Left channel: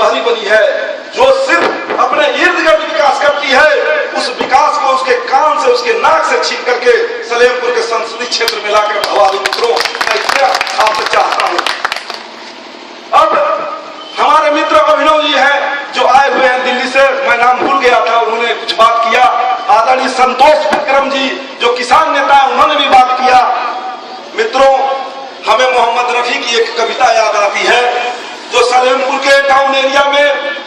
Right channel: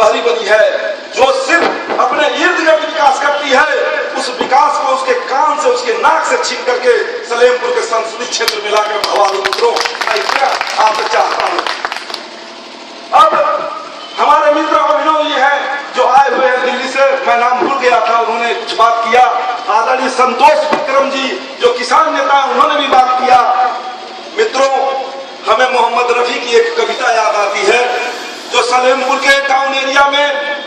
पहली बनी है जो सिर्फ अपने इर्द गिर्द विकास करती है, उस विकास को उसके कान से, उसके नाक से छीन करके सलेमपुर के संसदीय क्षेत्र में लाकर हवाली मित्रों मैं आपसे चाहता हूं। अब हमारे मित्र अभिनव जी हैं जो आए हुए हैं दिल्ली से, मैं नाम भूल गया था, उन्होंने कुछ बात किया। आदरणीय संतोष विक्रम जी जो किसान नेता है, उन्होंने भी बात किया। मित्रों, हमें मोहम्मद रफी की एक कविता याद आती है जो सलेमपुर के टाउन एरिया में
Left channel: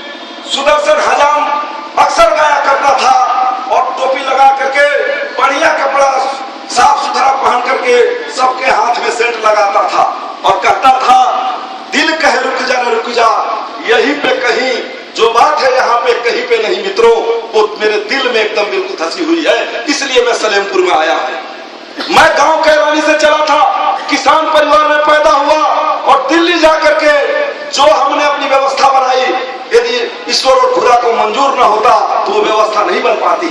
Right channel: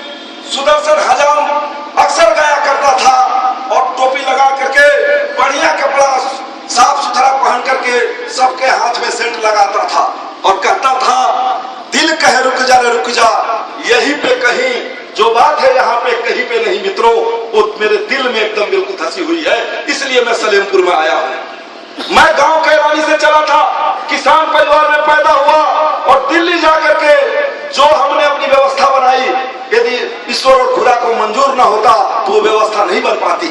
सुदर्शन हजाम अक्सर गाया करता था और टोपी लगा करके बढ़िया कपड़ा साफ सुथरा पहन करके सबके हाथ में सेंट लगाता था और कहता था, दिल कहे रुक जा रे रुक जा, यहीं पे कहीं जो बात है यहाँ पे कहीं पे नहीं। मित्रों, वो मेरे दिल में एकदम बिल्कुल धसी हुई है, इसलिए मैं सलेमपुर में आया हूँ। मैं गांव कैरानी से चला था, किसान परिवार में पैदा हुआ और दिल्ली जाकर के जो हमने अपनी व्यवस्था बनाई, यदि ईश्वर और खुदा को मंजूर न होता तो वो व्यवस्था नहीं बन पाती।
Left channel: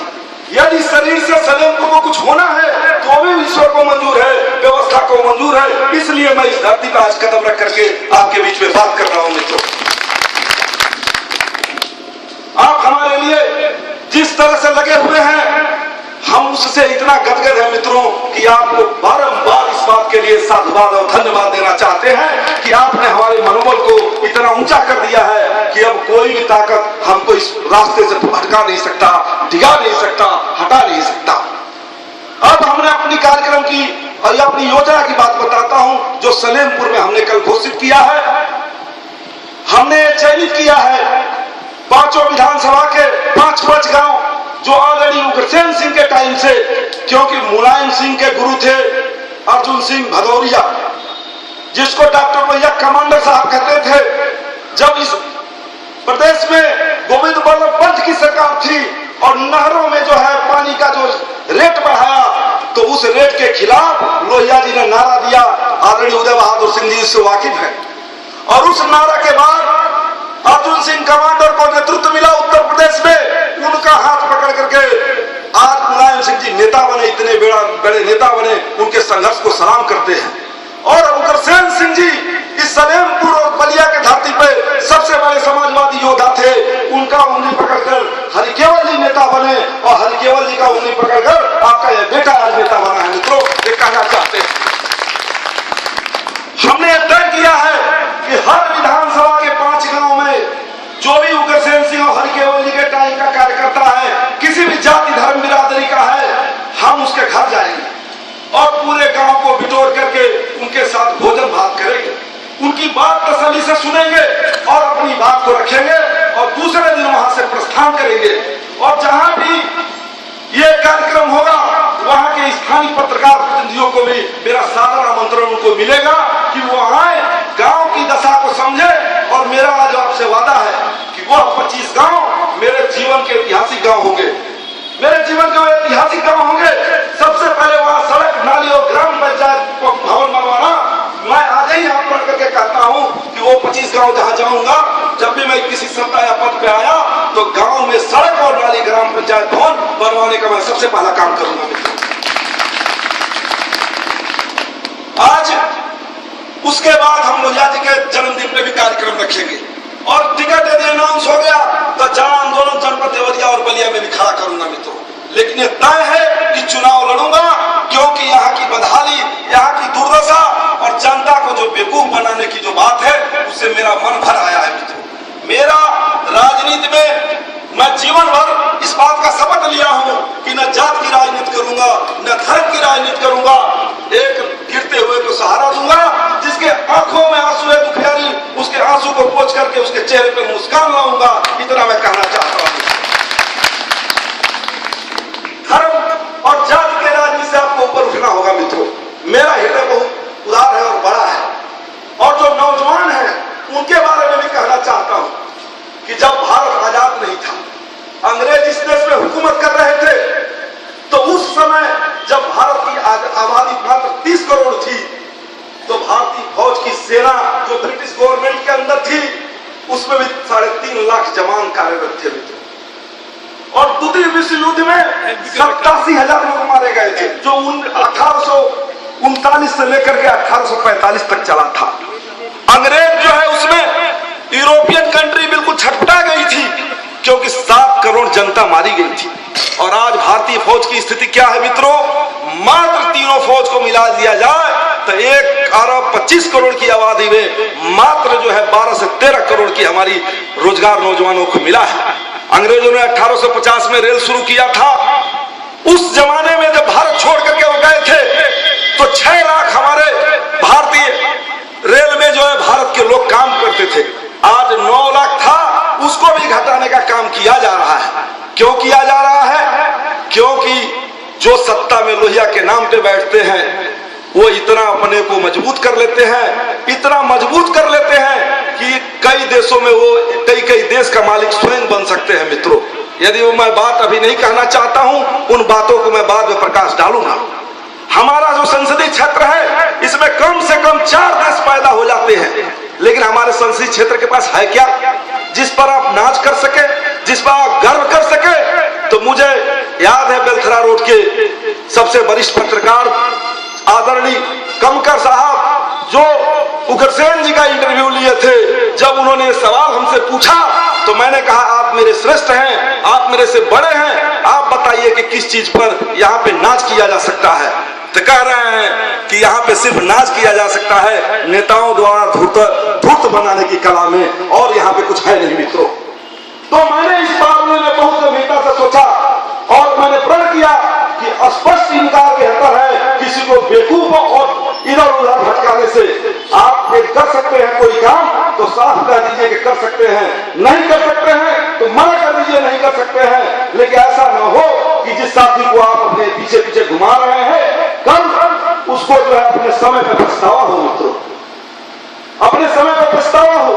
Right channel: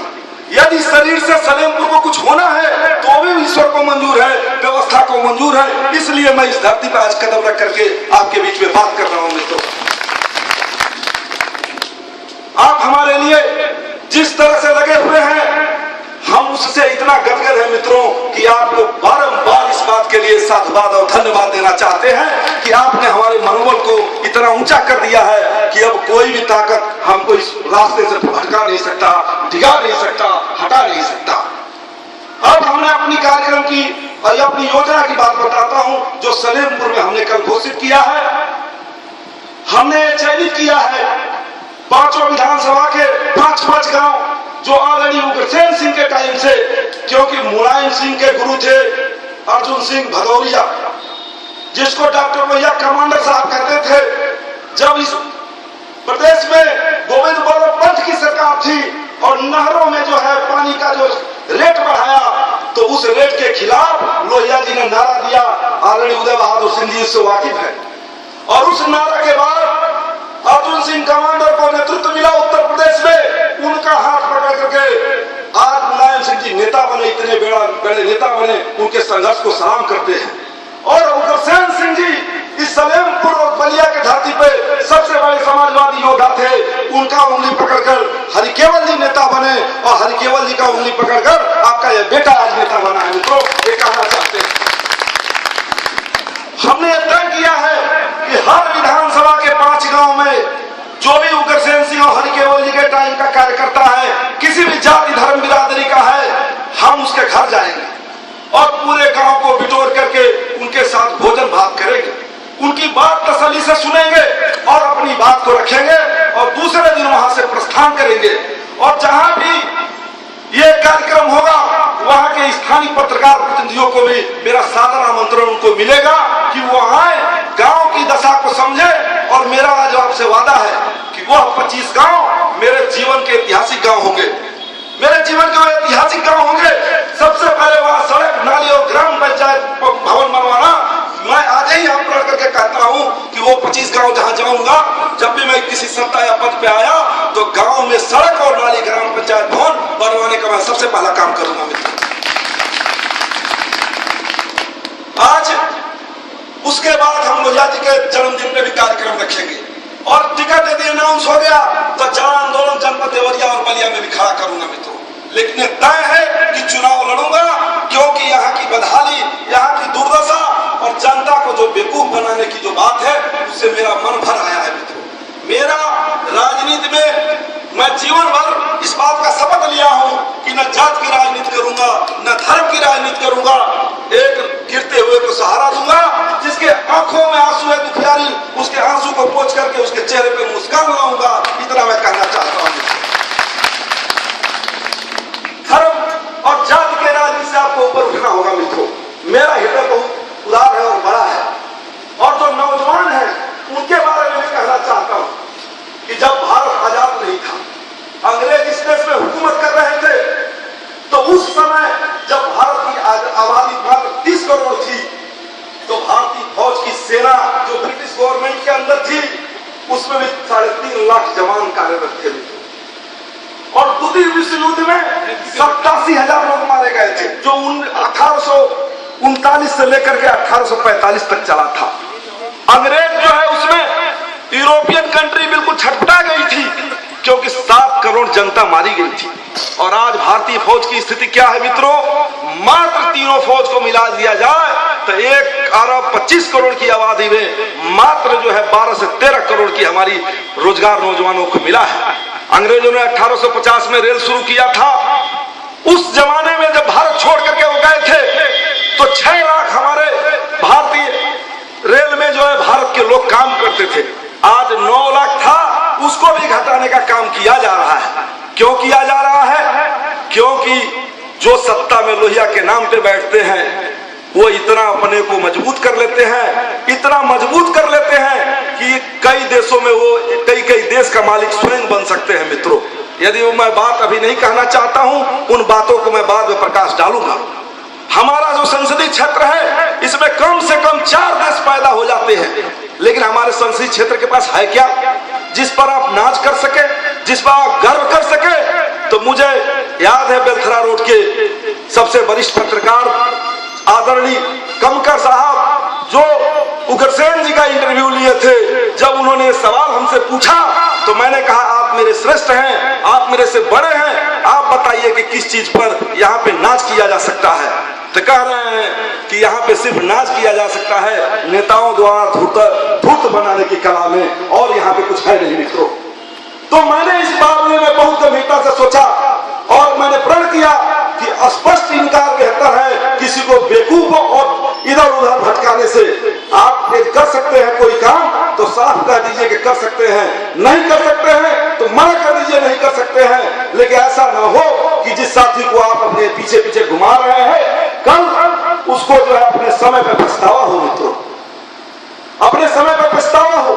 यदि शरीर से सलेमपुर को कुछ होना है तो भी ईश्वर को मंजूर है, व्यवस्था को मंजूर है। इसलिए मैं इस धरती पर आज कदम रख करके आपके बीच में बात कर रहा हूं। मित्रों, आप हमारे लिए जिस तरह से लगे हुए हैं, हम उससे इतना गदगद है मित्रों कि आपको बारंबार इस बात के लिए साधुवाद और धन्यवाद देना चाहते हैं कि आपने हमारे मनोबल को इतना ऊंचा कर दिया है कि अब कोई भी ताकत हमको इस रास्ते से भटका नहीं सकता, डिगा नहीं सकता, हटा नहीं सकता। अब हमने अपनी कार्यक्रम की और अपनी योजना की बात बताता हूं जो सलेमपुर में हमने कल घोषित किया है। हमने चयनित किया है पांचों विधानसभा के 5 गांव जो आदरणीय उग्रसेन सिंह के टाइम से, क्योंकि मुलायम सिंह के गुरु थे अर्जुन सिंह भदौरिया, जिसको डॉक्टर भैया कमांडर साहब कहते थे। जब इस प्रदेश में गोविंद बल्लभ पंत की सरकार थी और नहरों में जो है पानी का जो रेट बढ़ाया, तो उस रेट के खिलाफ लोहिया जी ने नारा दिया। आदरणीय उदय बहादुर सिंह जी इससे वाकिफ है। और उस नारा के बाद अर्जुन सिंह कमांडर को नेतृत्व मिला उत्तर प्रदेश में, उनका हाथ पकड़ करके आज मुलायम सिंह जी नेता बने, इतने बड़े नेता बने, उनके संघर्ष को सलाम करते हैं। और उग्रसेन सिंह जी इस सलेमपुर और बलिया के धरती पे सबसे बड़े समाजवादी योद्धा थे। उनका उंगली पकड़कर हरिकेवल जी नेता बने और हरिकेवल जी का उंगली पकड़कर आपका यह बेटा आज नेता बना है। मित्रों, ये कहना चाहते हैं, हमने तय किया है कि हर विधानसभा के 5 गांव में जो भी उग्रसेन सिंह और हरिकेवल जी के टाइम का कार्यकर्ता है, किसी भी जाति धर्म बिरादरी का है, हम उसके घर जाएंगे और पूरे गांव को बिटोर करके उनके साथ भोजन भात करेंगे, उनकी बात तसल्ली से सुनेंगे और अपनी बात को रखेंगे और दूसरे दिन वहां से प्रस्थान करेंगे। और जहां भी ये कार्यक्रम होगा वहां के स्थानीय पत्रकार प्रतिनिधियों को भी मेरा सादर आमंत्रण उनको मिलेगा कि वो आए, गांव की दशा को समझे। और मेरा आज आपसे वादा है कि वह 25 गांव मेरे जीवन के ऐतिहासिक गांव होंगे, मेरे जीवन के ऐतिहासिक गांव होंगे। सबसे पहले वहां सड़क, नाली और ग्राम पंचायत भवन बनवाना। मैं आज ही यहाँ पर करके कहता हूँ कि वो 25 गांव जहाँ जाऊंगा, जब भी मैं किसी सत्ता या पद पे आया तो गांव में सड़क और नाली, ग्राम पंचायत भवन बनवाने का मैं सबसे पहला काम करूंगा। मित्र, आज उसके बाद हम लोहिया जी के जन्मदिन पे भी कार्यक्रम रखेंगे और टिकट यदि अनाउंस हो गया तो जन आंदोलन जनपद देवरिया और बलिया में भी खड़ा करूंगा। मित्रों, लेकिन यह तय है कि चुनाव लड़ूंगा, क्योंकि यहाँ की बदहाली, यहाँ की दुर्दशा और जनता को जो बेवकूफ बनाने की जो बात है उससे मेरा मन भर आया है। मित्रों, मेरा राजनीति में मैं जीवन भर इस बात का शपथ लिया हूं कि न जात की राजनीति करूंगा, न धर्म की राजनीति करूंगा, एक गिरते हुए को सहारा दूंगा, जिसके आंखों में आंसू है दुखियारी, उसके आंसू को पोंछ करके उसके चेहरे पे मुस्कान लाऊंगा। इतना मैं कहना चाहता हूं। धर्म और जाति के राजनीति से आपको ऊपर उठना होगा। मित्रों, मेरा हृदय बहुत उदार है और बड़ा है और जो नौजवान है उनके बारे में भी कहना चाहता हूं कि जब भारत आजाद नहीं था, अंग्रेज इस देश में हुकूमत कर रहे थे, तो उस समय जब भारत की आबादी मात्र 30 करोड़ थी, तो भारतीय फौज की सेना जो ब्रिटिश गवर्नमेंट के अंदर थी, उसमें भी 3.5 लाख जवान कार्यरत थे। और द्वितीय विश्व युद्ध में 87,000 लोग मारे गए थे, जो 1839 से लेकर के 1845 तक चला था। अंग्रेज जो है उसमें यूरोपियन कंट्री बिल्कुल बिल्कुल छटपटा गई थी, क्योंकि 7 करोड़ जनता मारी गई थी। और आज भारतीय फौज की स्थिति क्या है मित्रों? मात्र तीनों फौज को मिला दिया जाए तो 1 अरब 25 करोड़ की आबादी में मात्र जो है 12 से 13 करोड़ की हमारी रोजगार नौजवानों को मिला है। अंग्रेजों ने 1850 में रेल शुरू किया था। उस जमाने में जब भारत छोड़ करके वो गए थे तो 6 लाख हमारे भारतीय रेल में जो है भारत के लोग काम करते थे। आज 9 लाख था, उसको भी घटाने का काम किया जा रहा है। क्यों किया जा रहा है? क्योंकि जो सत्ता में लोहिया के नाम पे बैठते हैं वो इतना अपने को मजबूत कर लेते हैं, इतना मजबूत कर लेते हैं कि कई देशों में वो कई देश का मालिक स्वयं बन सकते हैं मित्रों। यदि वो मैं बात अभी नहीं कहना चाहता हूं, उन बातों को मैं बाद में प्रकाश डालूंगा। हमारा जो संसदीय क्षेत्र है इसमें कम से कम 4 देश पैदा हो जाते हैं, लेकिन हमारे संसदीय क्षेत्र के पास है क्या जिस पर आप नाच कर सके, जिस पर आप गर्व कर सके? तो मुझे याद है बेलथरा रोड के सबसे वरिष्ठ पत्रकार आदरणीय कमकर साहब जो उग्रसेन जी का इंटरव्यू लिए थे, जब उन्होंने सवाल हमसे पूछा तो मैंने कहा आप मेरे श्रेष्ठ हैं, आप मेरे से बड़े हैं, आप बताइए कि किस चीज पर यहाँ पे नाच किया जा सकता है। तो कह रहे हैं कि यहाँ पे सिर्फ नाच किया जा सकता है नेताओं द्वारा धूर्त बनाने की कला में, और यहाँ पे कुछ है नहीं मित्रों। तो मैंने इस मामले में बहुत गंभीरता से सोचा और मैंने प्रण किया कि स्पष्ट इनकार बेहतर है किसी को बेवकूफ और इधर उधर भटकाने से। आप यदि कर सकते हैं कोई काम तो साफ कह दीजिए कि कर सकते हैं, नहीं कर सकते हैं तो मना कर दीजिए नहीं कर सकते हैं। लेकिन ऐसा न हो कि जिस साथी को आप अपने पीछे पीछे घुमा रहे हैं कल उसको जो है अपने समय पर पछतावा हो मित्रों, अपने समय पर पछतावा हो।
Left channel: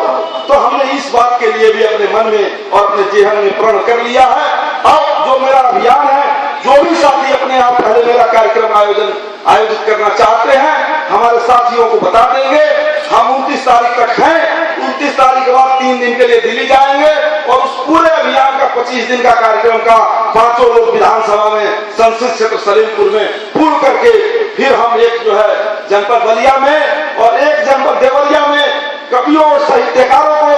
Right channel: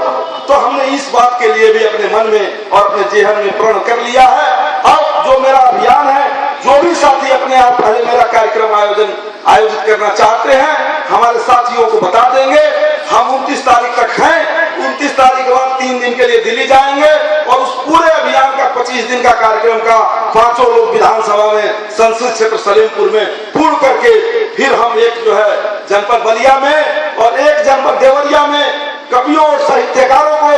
तो हमने इस बात के लिए भी अपने मन में और अपने जीवन में प्रण कर लिया है। अब जो मेरा अभियान है, जो भी साथी अपने आप पहले मेरा कार्यक्रम आयोजित करना चाहते हैं हमारे साथियों को बता देंगे। हम 29 तारीख तक हैं, 29 तारीख के बाद 3 दिन के लिए दिल्ली जाएंगे और उस पूरे अभियान का 25 दिन का कार्यक्रम का 500 लोग विधानसभा में संसदीय क्षेत्र सलीमपुर में पूर्ण करके फिर हम एक जो है जनपद बलिया में और एक जनपद देवरिया में कवियों और साहित्यकारों को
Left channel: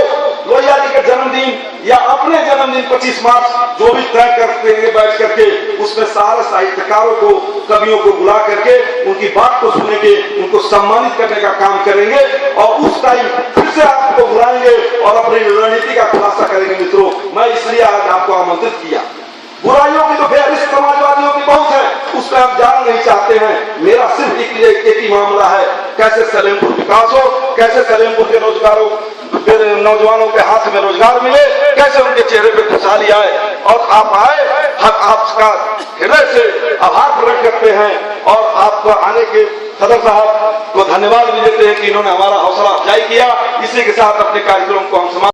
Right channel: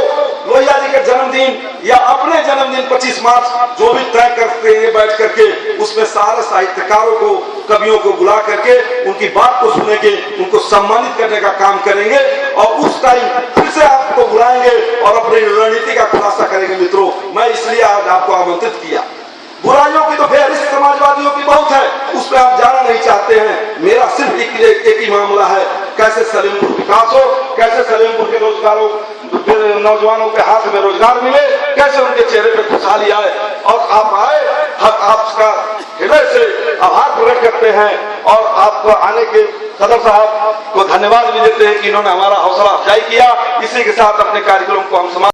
लोहिया जी के जन्मदिन या अपने जन्मदिन 25 मार्च जो भी तय करते हैं बैठ करके उसमें सारे साहित्यकारों को कवियों को बुला करके उनकी बात को सुनेंगे, उनको सम्मानित करने का काम करेंगे और उस टाइम फिर से आपको बुलाएंगे और अपनी रणनीति का खुलासा करेंगे मित्रों। मैं इसलिए आज आपको आमंत्रित किया। बुराइयों की तो फेहरिस्त समाजवादियों की बहुत है, उस पर आप जाना नहीं चाहते हैं। मेरा सिर्फ एक ही मामला है, कैसे सलेमपुर विकास हो, कैसे सलेमपुर के रोजगारों नौजवानों के हाथ में रोजगार मिले, कैसे उनके चेहरे पे खुशहाली आए और आप आए। आपका हृदय से आभार प्रकट करते हैं और आपका आने के सदर साहब को धन्यवाद भी देते हैं कि इन्होंने हमारा हौसला अफजाई किया। इसी के साथ अपने कार्यक्रम को हम समाप्त